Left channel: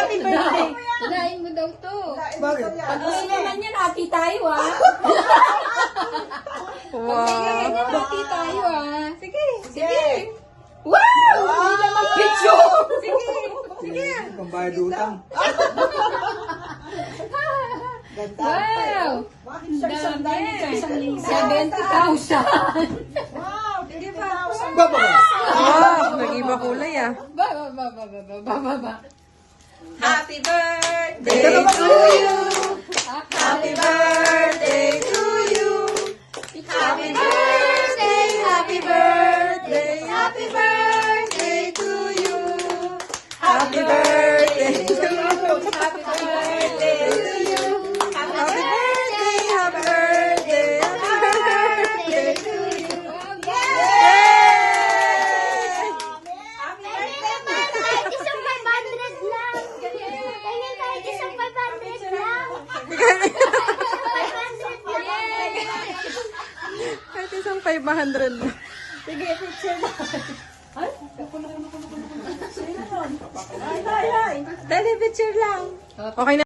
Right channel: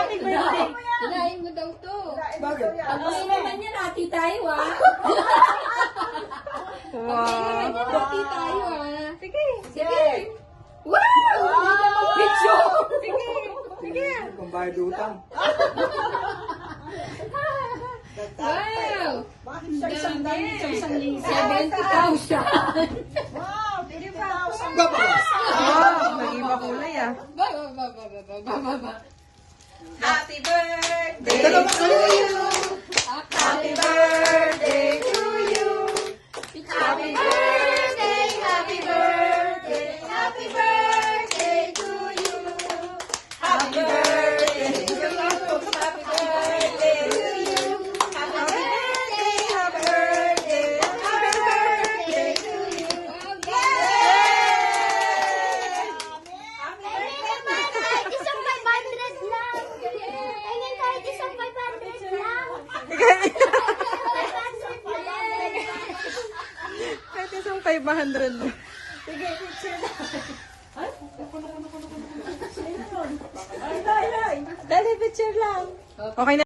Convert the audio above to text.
happy birthday. Unahin mo daw to. Bakit? Pag gusto naman yan, hati tayo ah. Wow. Hati tayo ah. Sige. Sige. Wow! Hindi naman picture. Sige. Sige. Pambayad utang. Wow! Bakit sa isang dahil sa isang linggo? 70,000. Wow, 50,000. Baba! Wow, nag-iba kulay ah. Ba. Happy birthday Ito naman to you. Happy birthday to you. Happy birthday, happy birthday, happy birthday to you. Happy birthday to you. Happy birthday to you. Happy birthday, happy birthday, happy birthday to you. Yay! Happy birthday, Kahit isang 500 lang. Tingnan kahit isang 500 lang. 500 lang. Kahit isang 500. Dali, picture lang. Okay na.